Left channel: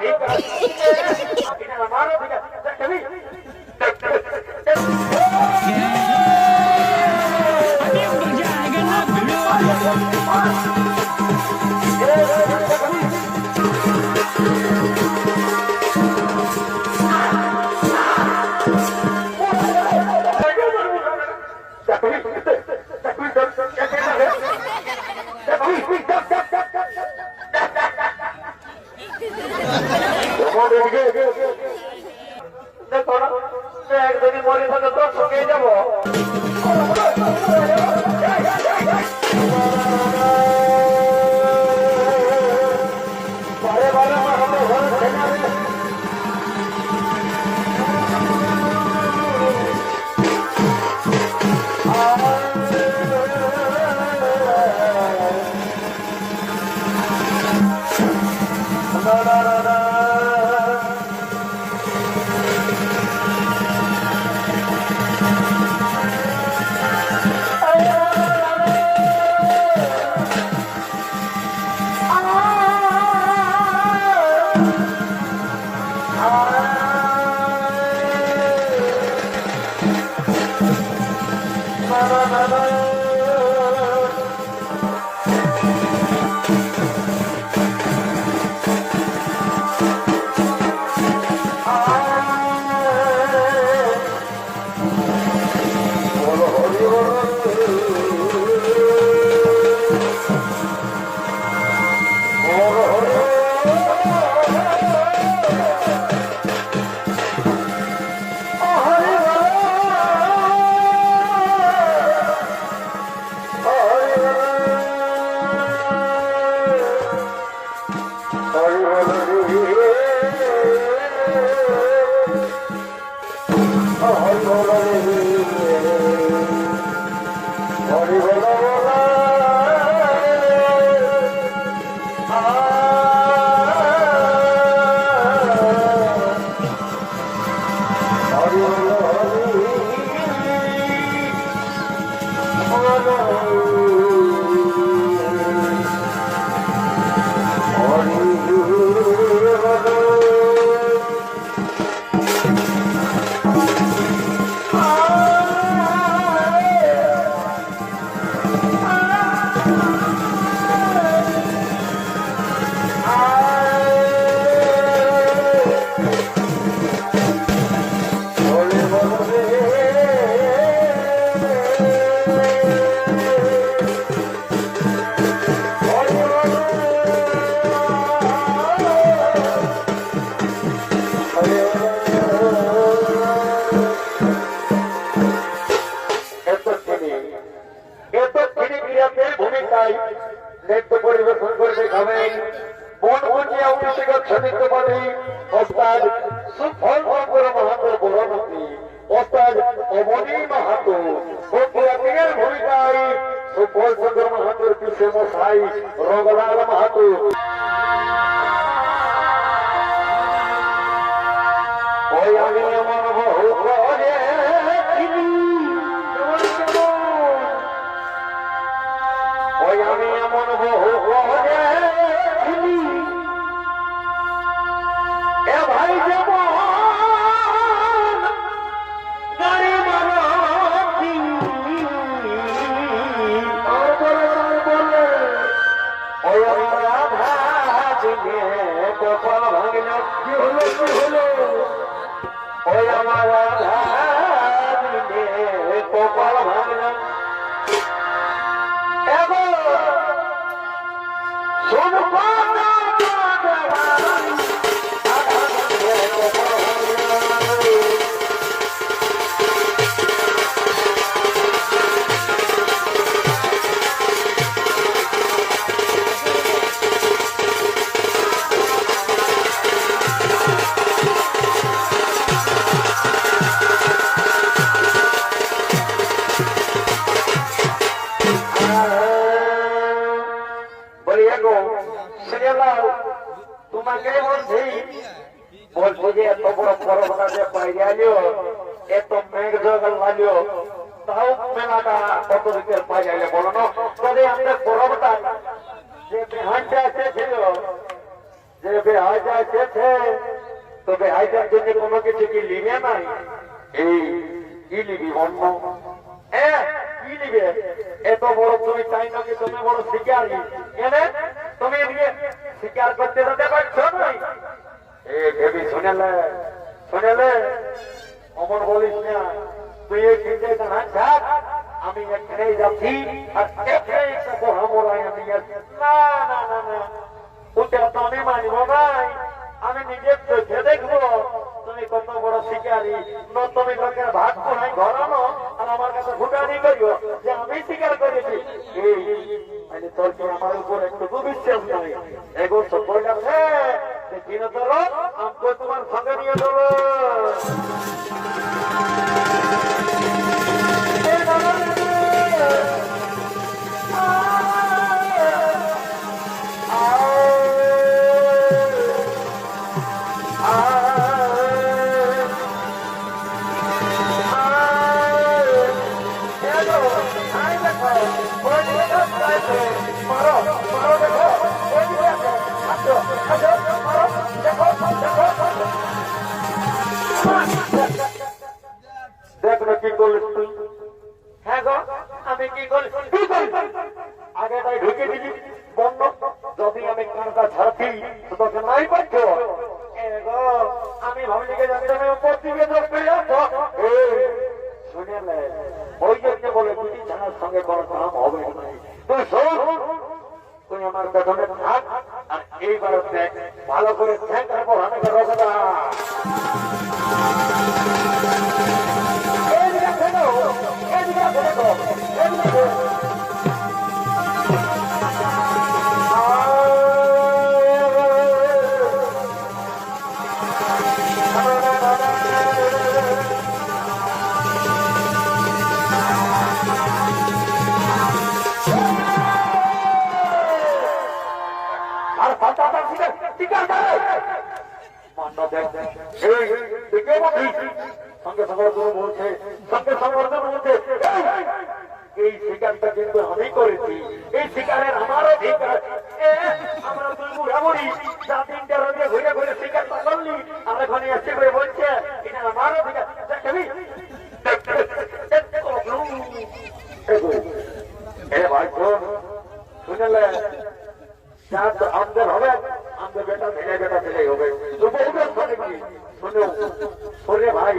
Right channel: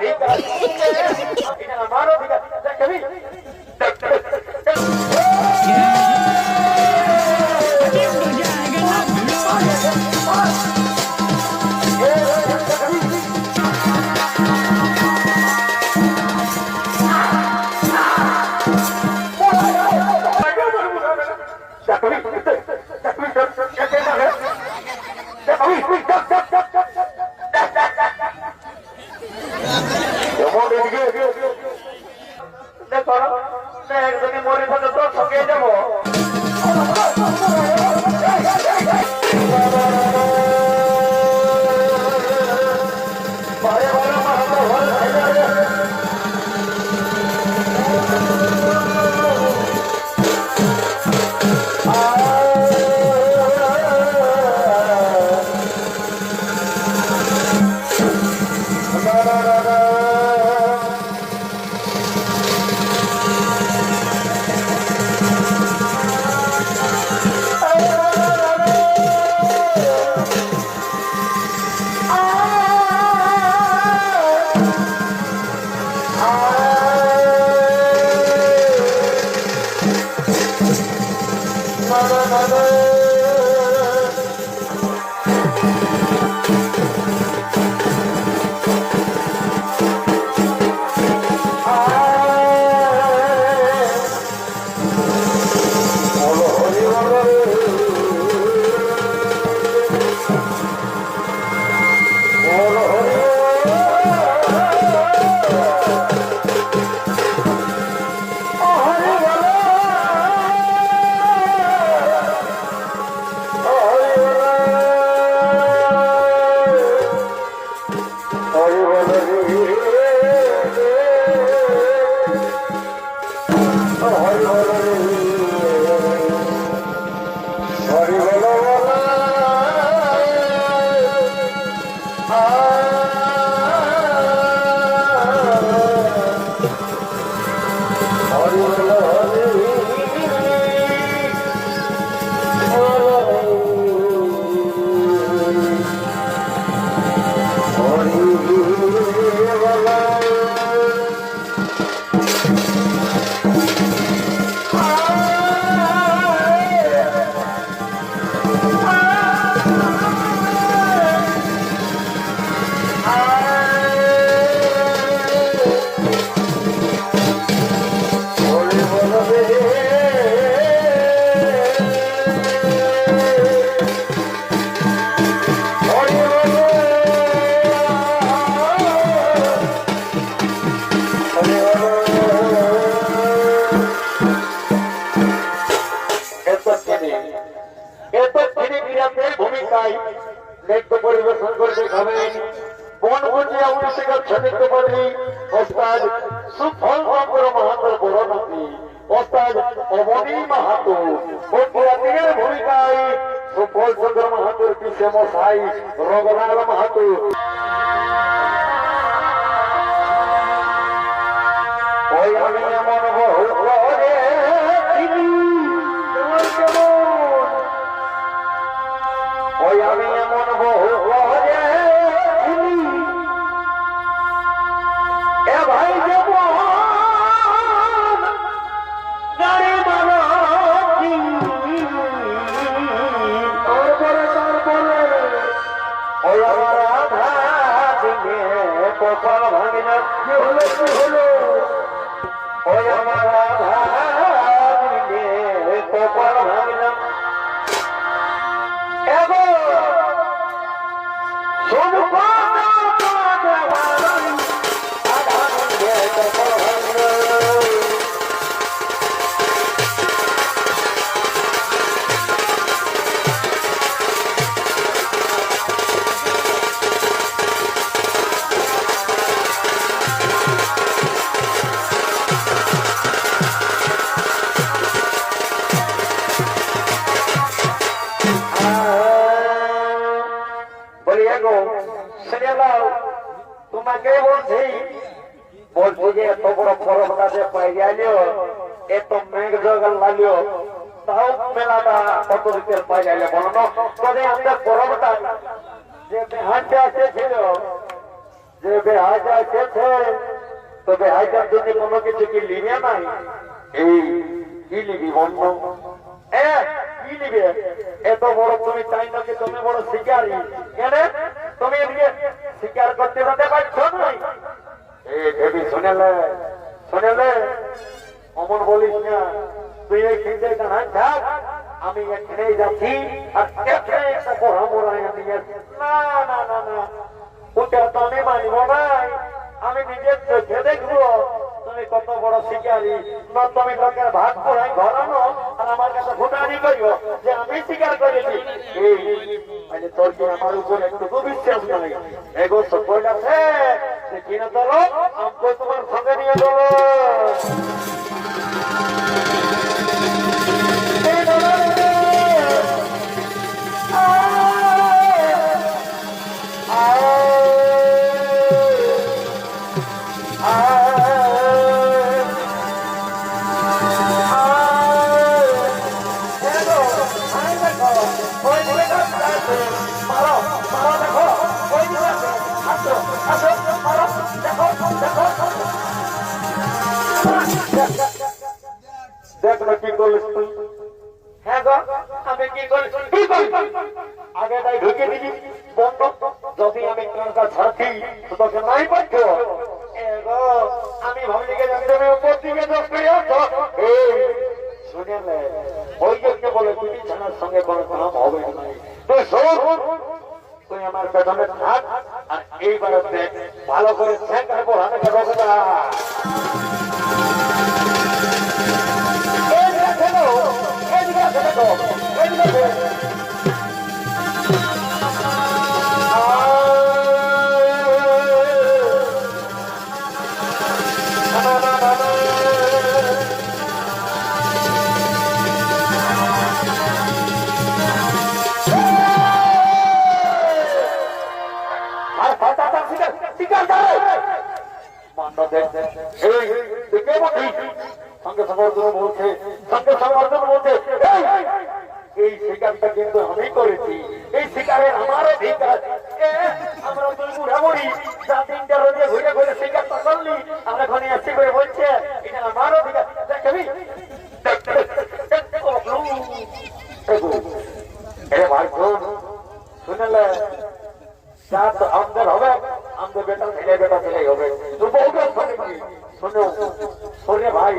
ঠিক আছে এটা আমারও ঠিক আছে কবি अभी मजा आएगा ना भिड़ो मोरी तो ठके যাব ভূমিকায় নৃত্য পরিবেশন করে দেখাবেন বনবুজিয়া উনিশিকার ছন্দিত পাঠী ওস্তাদ সুফল শঙ্কর মাহাতোর বড়মতি ওস্তাদ অবনী মাহাতো বন্ধুরাতের ভূমিকায় সুফল চন্দ্র মাহাতোর পিসে মশাই রঘুলাল মাহাতো ওই আমি এমন বহু করে ওই আমি এমন বহু করে এ ভাই যাব গাড়ি মারো ওই আমার আধা দিনে কপাল ভাঙিনা কি হলো কি হলো ওই আমার আধা দিনে কপাল ভাঙিনা তোমাকে বলছি বলছি যে এত বড় পরবটা যে পাই গেল এত মেঘ জগল লাগলো তাও মেলাটা কত দিকের পাই গেলে বলো না তবে আমাদের পরবটা যে বিহানটা এসেছিল যে বেহাজা গেছে তো বেহাজার জন্য কোনো কিছু কি লিবে নাই? এই কি লিবি বন্ধ? কি লিবে? এত বড় তুমি চাই না যে তুমি বড় শিকারী, কেন তুমি শিকার করতে যেতে পারছো নাই? ভেবি শুনেলে শুনেলে অমন বলিস না, তুই এই খেতে কানা যাক, আমি এখানেই যাচ্ছি আর এখানে একটা বড় মোড়াই আমি যাচ্ছি। না না না না, ওটা তো আমি মানিব ভাই, আমি নিজের চোখে দেখবো তুমি কত বড় শিকারী। না তুমি লোকের ভাগ পড়াই ঘরানো আর আমার কাছে ভুটানি করিও যে আমি শিকার করেছি। মানে তোর কি আমার উপর একটু বিশ্বাস নাই? এগো সফল আছে যে কিনা চলো আমাকে তোমার সঙ্গে নিয়ে চলো। দেখ না কি করলিস তুই? হ্যাঁ গো আমি কি করি? আগে তাই ঢুকে দিবি বন্ধ, যদি আমি কানটা ছাড়ছি তোকে নাই পাচ্ছ। আমি ভাবলিকে জানতে আমি উপর দিকে যোগ করে আসো। শুনে ওই জন্য বলে তুমি ছানার সঙ্গে কোনো কাম হবে না। তুই শোন, তুই আমার পেছনে থাক আর এইবার দেখ ভালো করে দেখ, তারপর আমি কথা সঙ্গে সমর্থন বলছে, সঙ্গে সমর্থন বলছে এই শিকারটা কিন্তু আমি করেছি, এই শিকারের আমার অধিকার। আমরা তুই বুড়াবুড়ি যা তিনটা রোদে ঘুরে ঘুরে শিকারটা করলি, আমরা ঘনে আসছি বলে বলছে এটা আমার অধিকার। ভাই শুনেলে আমাদের হবে, আমাদের বেটা ছেলে হবে। শোনে ভাই,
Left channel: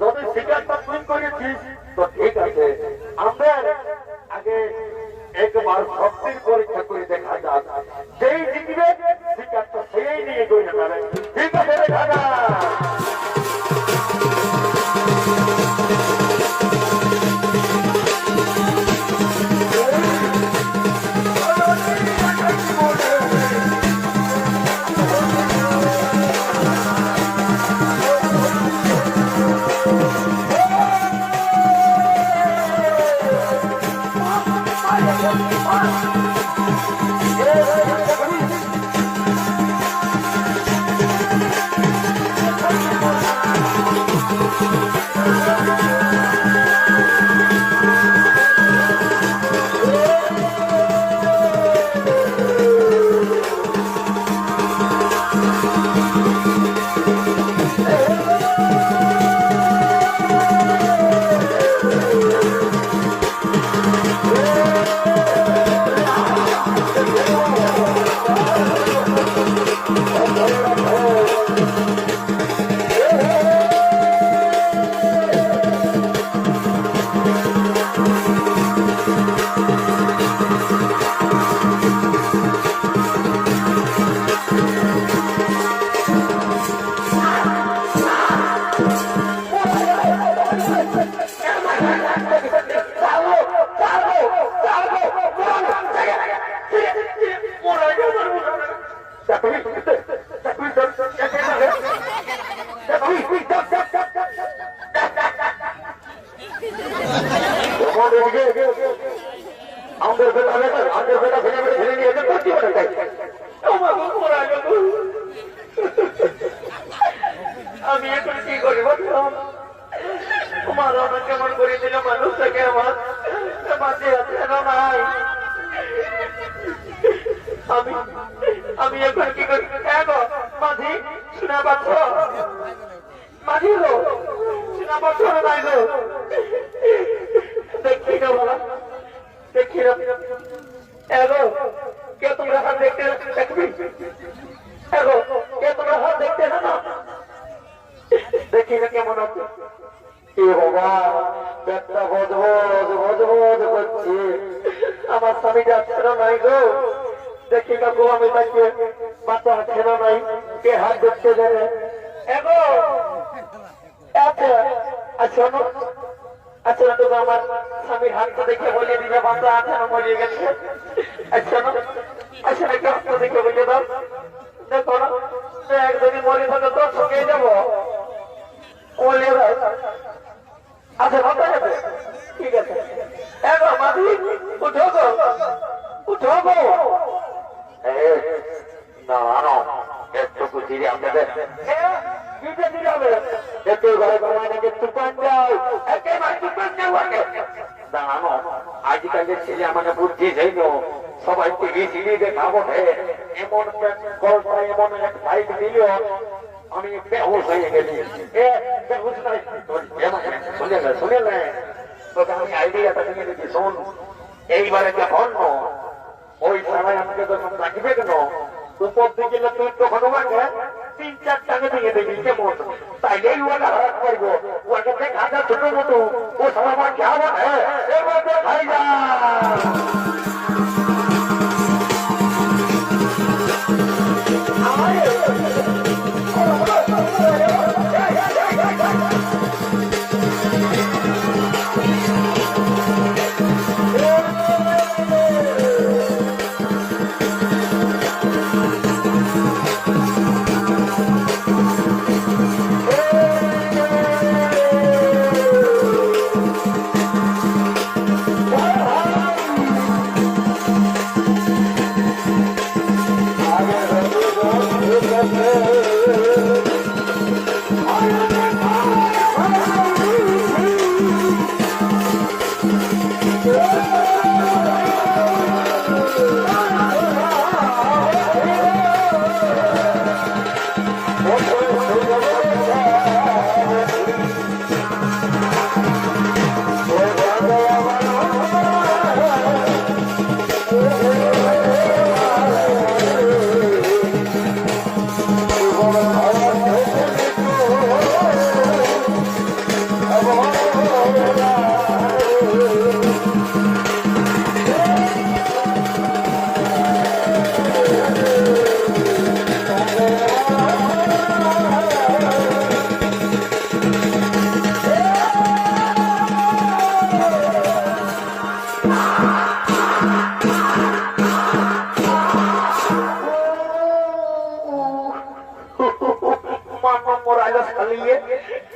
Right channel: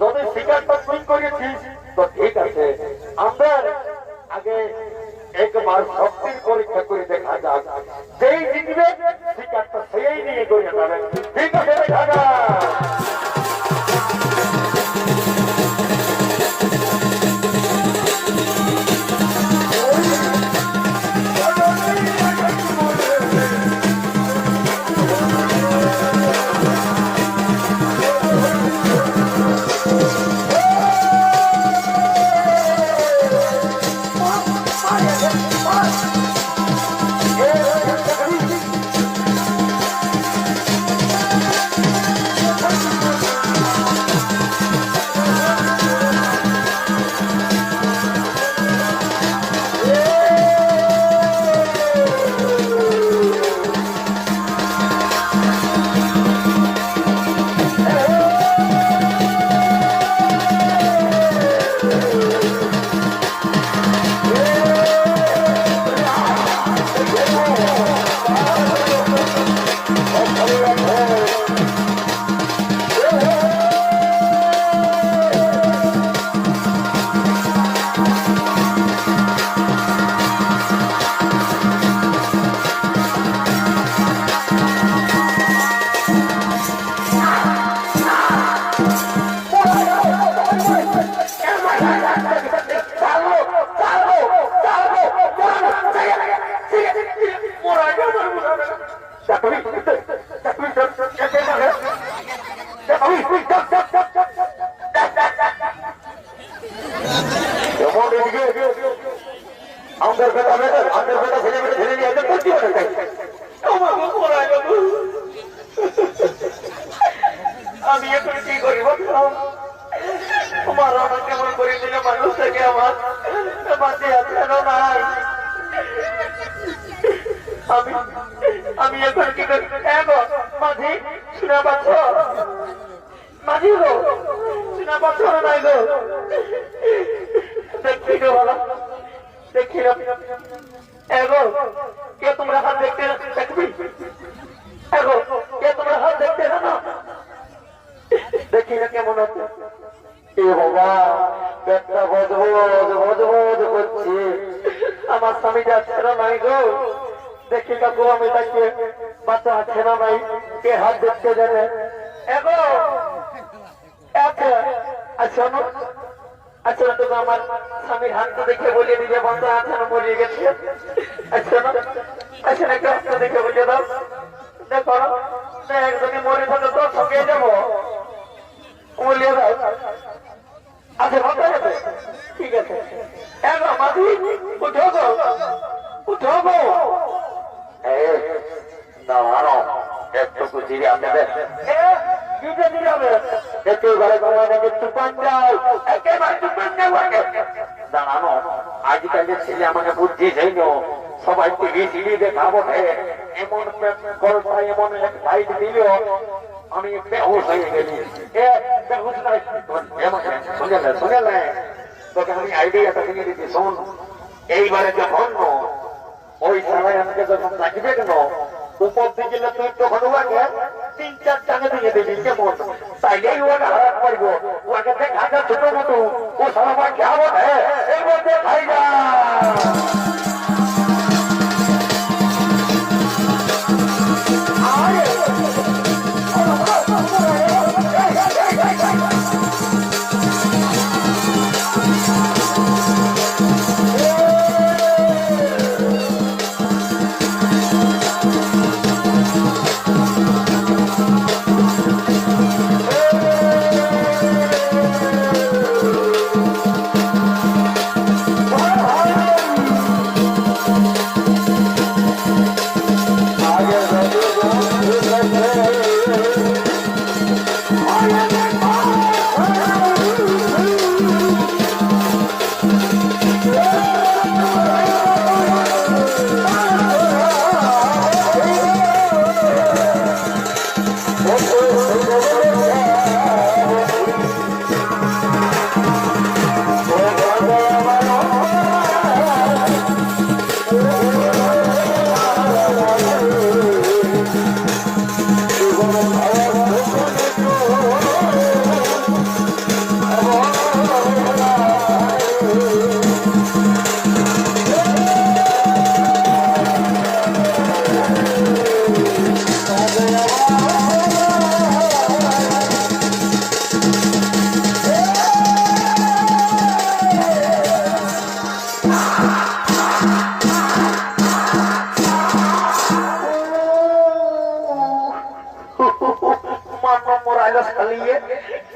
যদি শিকারটা তুই করেছিস তো ঠিক আছে, আমাদের আগে একবার শক্তির পরীক্ষা করে দেখা যাক, যেই জিতবে শিকারটা সেই নিয়ে করে যাবে। ঠিক আছে দেখা যাক। আমি এখন কি করি তোমার আমার কেমন করে দিলে মানুষটাকে আমার নাই। আমি এখন কি করি? গো মাঝি শুনে পাচ্ছ? মাঝি গো শুনে পাচ্ছ না? নাই গো দেখি রে বাবা, দেখি রে গো। কে তোমরা হাত দেখতে দেখবি? গো কে তোমরা হাত দেখতে না? দেখি না কেমন হচ্ছে। কি বাবা পেটটা বজবজ বজবজ করছে। আমার স্বামীটা ছিল নাই গো। দেখি কাকু আমি তাকে বাচ্চা ছিল নাই, কে হাত দেখতে দেবে? এগো আচ্ছা আচ্ছা আচ্ছা তো আমার স্বামীর হাতটা দেখে বলিয়ে দিবে বাচ্চা আছে না মরিয়ে গেছে। আচ্ছা না আচ্ছা নাকি হাতটা দেখে বলিয়ে দাও। দেখো একদিন মরে থাকে তো ঠকে যাবো বলিয়ে দাও। আচ্ছা বাচ্চা আছে ঠিক আছে। এগো মাঝি উঠো গো উঠো গো। না না একটু ধীরে আপনাদের ধীরে হবে একেবারে চুপান যাও একেবারে চুপান যাও। দাঁড়ানো আজকালের ছেলে আমাকে বুদ্ধি যাইল সবাই টিভি টিভি দেখাবো এমন গল্প এমন এক বাইক দিল আমি বেহুশ হয়ে গেছি। শুনে তোকে আমি আইডিয়াটা দিয়ে দিচ্ছি শোন। এইবারে যখন ওই সারাই আমাকে যখন রাখবে কেন উপর দিকে তুই যখন ওকে 3-4 টাকা দিয়ে দিবি কেমন? তাইলেই ওকে হারাত পারবো। ওকে দেখা ছোট মতো ও সারা মা খাবো এর মধ্যে খাই না।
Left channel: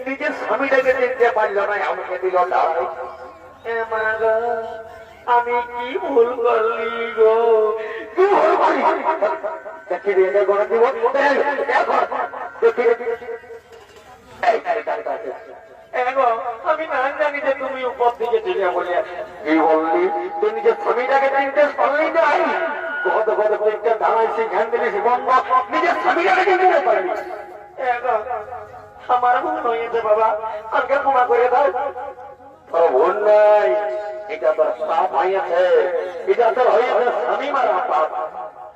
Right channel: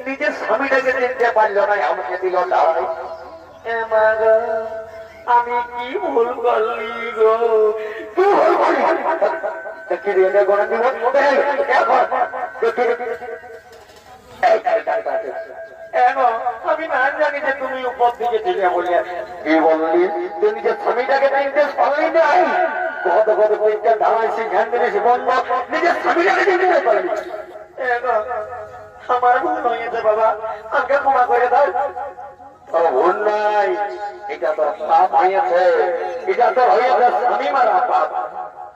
নিজের স্বামীটাকে চিনতে পারল না, আমাকে দিল ডাই। আমি কি ভুল করলি গো? আমি না জানি যে তুমি উপর দিকে দিলে বলে কি বললি? তুই নিজের স্বামীটাকে চিনতে পারলি নাই? কত কত পরীক্ষা দাঁড়াইছি ধ্যান দিলিস বন্ধ, নিজের স্বামীটাকে চিনতে পারলি। আমার ভুল হয়েছে বাবা, আমাকে ক্ষমা করে দাও। ভুল নাই, এটা তোর পাপ হয়েছে, এটা তোর হয়েছে স্বামী মারা পাপ।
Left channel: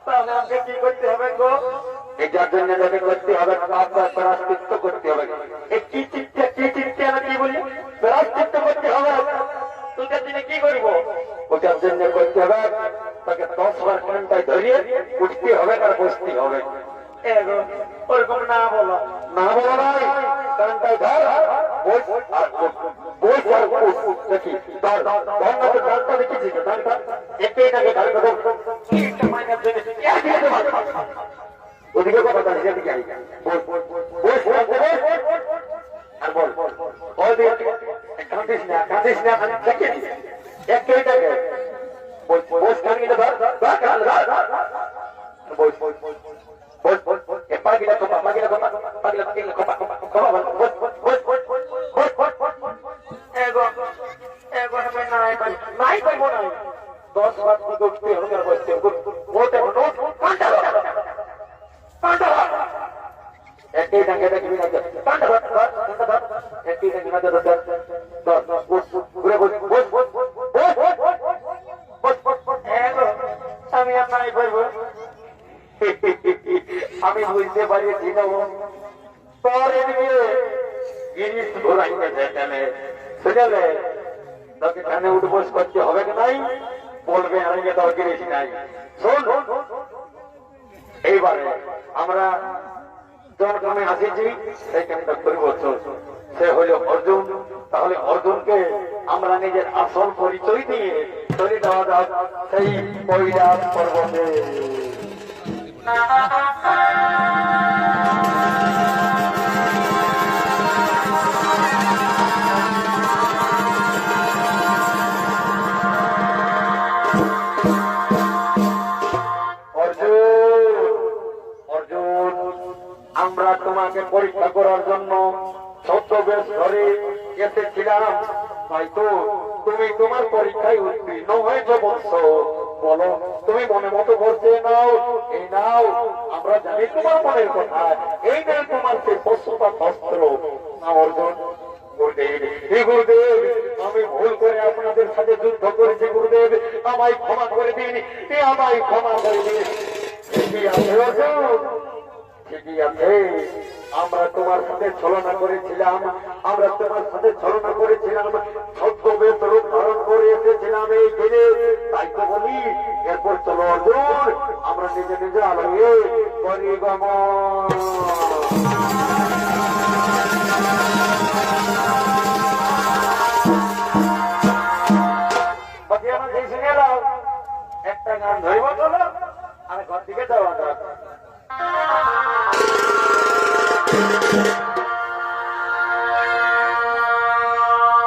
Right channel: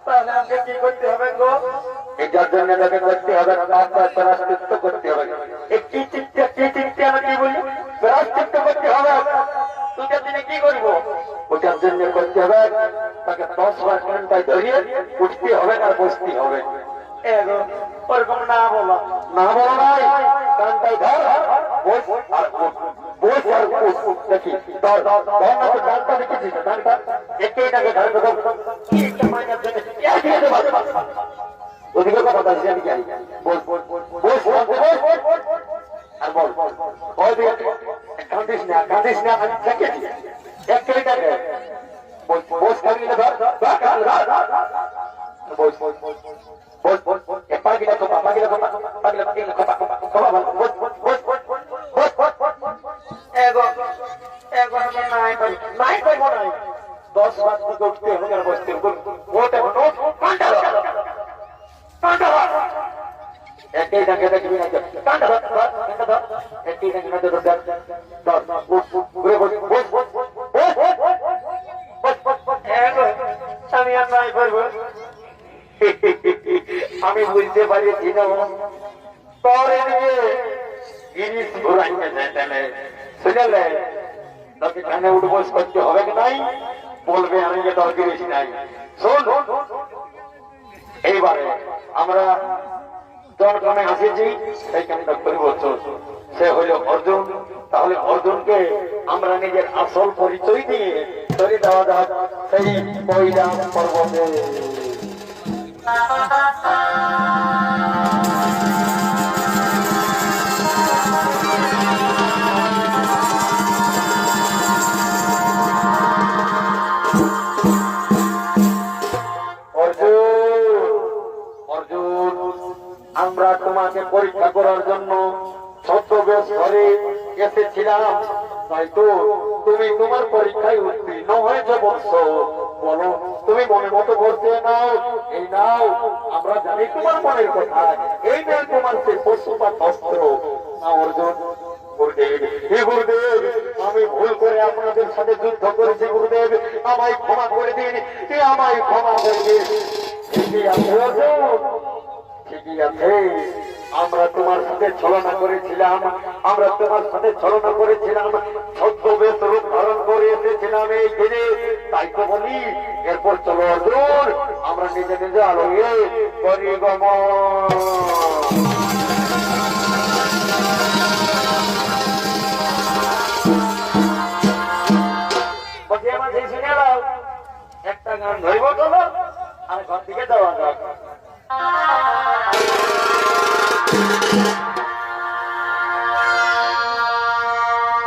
তাহলে আমাকে কি করতে হবে গো? এটার জন্য তোকে করতে হবে প্রায়শ্চিত্ত করতে হবে। কি চিন্তা আমি কি বলি? প্রায়শ্চিত্ত করতে হবে। ওটার জন্য কি করব? ওটার জন্য করতে হবে তাকে 10 বার ঘন্টায় ধরিয়ে উঠতে হবে আর বসতে হবে। ওরকম না বলো, না বলো নাই, কারণটাই ধর বস আর বস আর দেখি গানটা দেখেছিস গানটা এটাকে ঘর দেবো ওদিকে কথা বলছি আমি জানি বস বস আর বল ওই কাঁদিস না আমি দেখেছি একটু বস বস কাঁদিয়ে ধর বস বস বস bos bos bos ya pagi dah coba pagi dah coba coba bos bos bos bos bos bos bos ego naik kau mau naik 10 बार को उठते हो यार बसते हो वो तो नो একই ডাকে দেখবি না কান্ডা ধর কান্ডা ধর একই ডাকে না ধর ধর ঘুরে বস বস বস আমি আর নাই করবো আমি বুঝতে পারি পরে জিনিস ঘোরাইতে দেয় শুনে তাকে কানে উঠবোস করতে হবে কি নাই বলবে আমি দরকার বেশি নাই শোন এইবারে আমরা যার গ্রামে আসেছি সেইখানে পরিবর্তন সে হলো অর্জুন তাহলে অর্জুনকে আমরা নিজের আসল পরিচয় দিয়ে চলে দেওয়া যাক সেই কৈলাস পর্বতে আমরা তোমাকে পরীক্ষা করার জন্য ছদ্মবেশ ধরে এসেছিলাম তাই তো তুমি তোমার পরীক্ষায় উত্তীর্ণ হয়েছে বৎস বলো তুমি মনে মতো বলতে নাও এই নাও আমরা জানি তোমার মনের কথা এই নেই তোমার সেই পশুপাত অস্ত্র অর্জুন গুরুদেব আমি ভুল করে আপনাদের সাথে যুদ্ধ করেছি গুরুদেব আমায় ক্ষমা করে দিন আমায় ক্ষমা করে দিন ঠিকই আছে অর্জুন ঠিকই আছে আমরা তোমার সাথে ছলনা করেছিলাম আমরা তোমার সাথে ছলনা করেছিলাম ছদ্মবেশ রূপ ধারণ করে এসেছিলাম এই ঘিরে তাই তো বলি এরপর চলো অর্জুন আমরা নিজে নিজে আলোয়ে পরিগমন একটা গান ধরব চলো আর ঘর থেকে যাওয়া যাক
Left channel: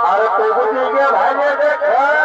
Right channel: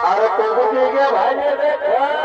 আরে প্রভু দিকে ভাইয়ে দেখা